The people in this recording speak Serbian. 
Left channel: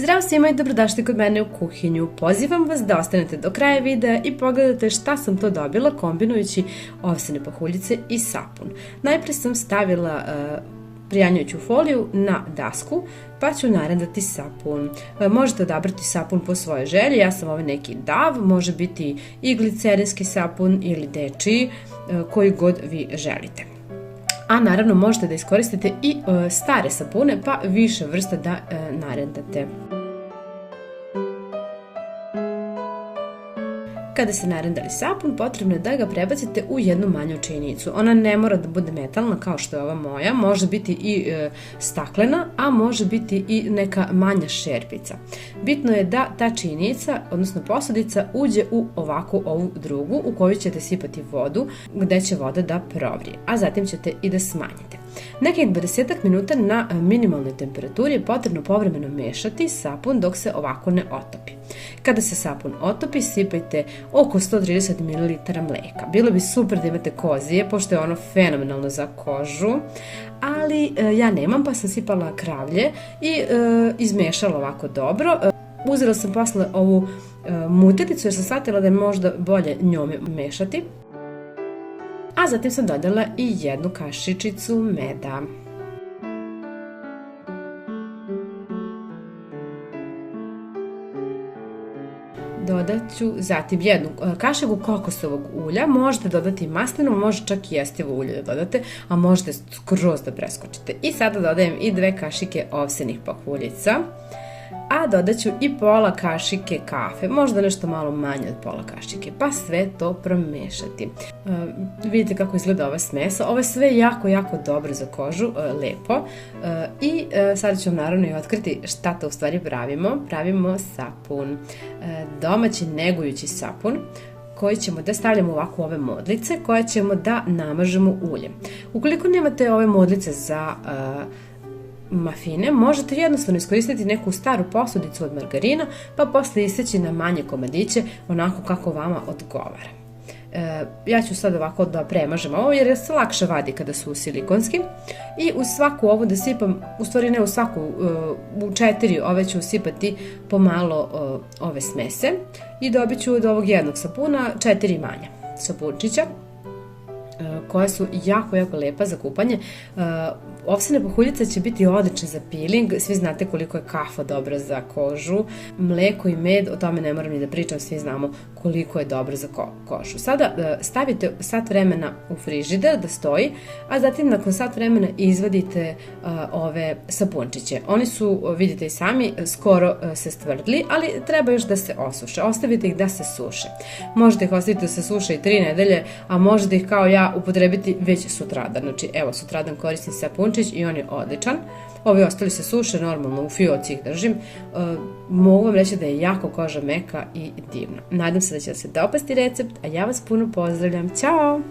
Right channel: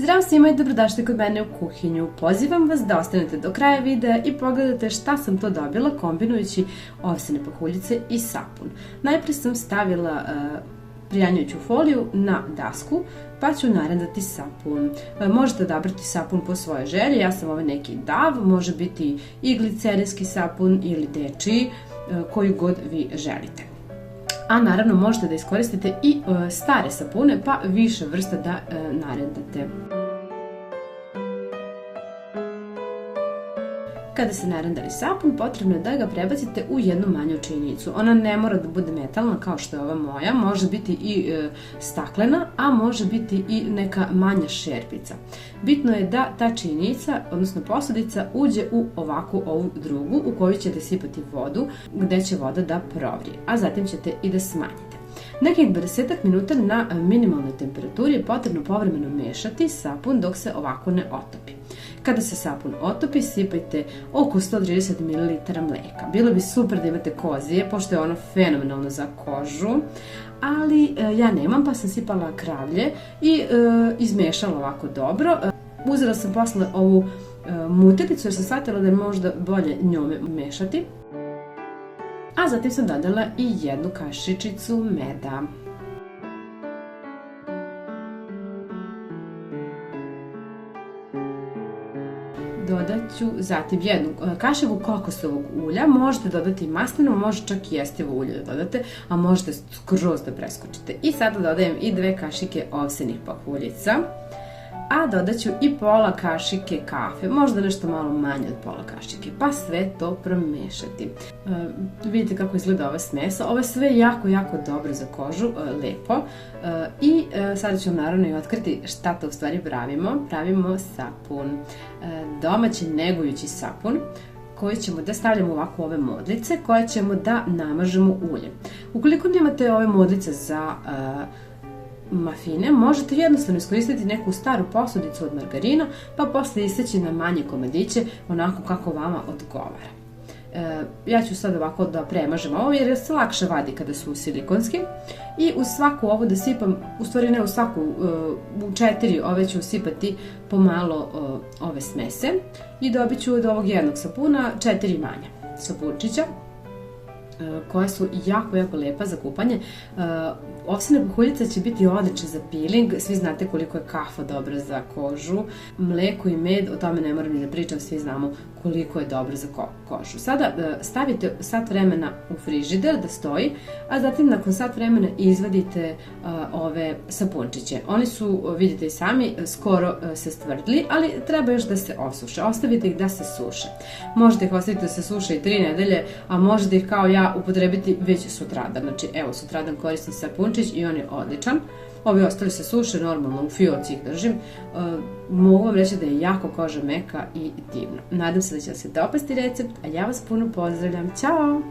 Zdravo svima i dobrodošli kod mene u kuhinju. Pozivam vas da ostanete do kraja videa i pogledate šta sam to dobila kombinujući ovsene pahuljice i sapun. Najprije sam stavila prijanjujuću foliju na dasku, pa ću narendati sapun. Možete odabrati sapun po svojoj želji, ja sam ovaj neki DAV, može biti i glicerinski sapun ili dečiji, koji god vi želite. A naravno možete da iskoristite i stare sapune, pa više vrsta da narendate. Kada se narendali sapun, potrebno je da ga prebacite u jednu manju činicu. Ona ne mora da bude metalna kao što je ova moja, može biti i staklena, a može biti i neka manja šerpica. Bitno je da ta činica, odnosno posudica, uđe u ovakvu ovu drugu u koju ćete sipati vodu, gde će voda da provrije, a zatim ćete i da smanjite. Nekih 20 minuta na minimalnoj temperaturi je potrebno povremeno mešati sapun dok se ovako ne otopi. Kada se sapun otopi, sipajte oko 130 ml mleka. Bilo bi super da imate kozije, pošto je ono fenomenalno za kožu, ali ja nemam, pa sam sipala kravlje i izmešala ovako dobro. Uzela sam posle ovu muteticu jer sam shvatila da je možda bolje njome mešati. A zatim sam dodala i jednu kašičicu meda. Dodat ću zatim jednu kašiku kokosovog ulja, možete dodati maslinovo, može čak i jestivo ulje da dodate, a možete skroz da preskočite. I sada dodajem i 2 kašike ovsenih pahuljica, a dodat ću i pola kašike kafe, možda nešto malo manje od pola kašike, pa sve to promešati. Vidite kako izgleda ova smesa, ovo je sve jako dobro za kožu, lepo. I sada ću vam naravno i otkriti šta to u stvari pravimo. Pravimo sapun, domaći negujući sapun, koji ćemo da stavljamo ovako u ove modlice, koje ćemo da namažemo uljem. Ukoliko nemate ove modlice za mafine, možete jednostavno iskoristiti neku staru posudicu od margarina, pa posle iseći na manje komadiće, onako kako vama odgovara. Ja ću sad ovako da premažem ovo, jer se lakše vadi kada su silikonski. I u svaku ovu da sipam, u stvari ne u svaku, u 4 ove ću sipati pomalo ove smese. I dobit ću od ovog jednog sapuna 4 manja sapunčića, koja su jako lepa za kupanje. Ovsene pahuljice će biti odlične za peeling, svi znate koliko je kafa dobra za kožu, mleko i med, o tome ne moram ni da pričam, svi znamo koliko je dobro za kožu. Sada stavite sat vremena u frižider da stoji, a zatim nakon sat vremena izvadite ove sapunčiće. Oni su, vidite i sami, skoro se stvrdli, ali treba još da se osuše. Ostavite ih da se suše. Možete ih ostaviti da se suše i 3 nedelje, a možete ih kao ja upotrebiti već sutradan. Znači, evo, sutradan koristim sapunčić i on je odličan. Ovi ostali se suše, normalno u fioci ih držim. Mogu vam reći da je jako koža meka i divna. Nadam se da će vam se dopasti recept, a ja vas puno pozdravljam. Ćao!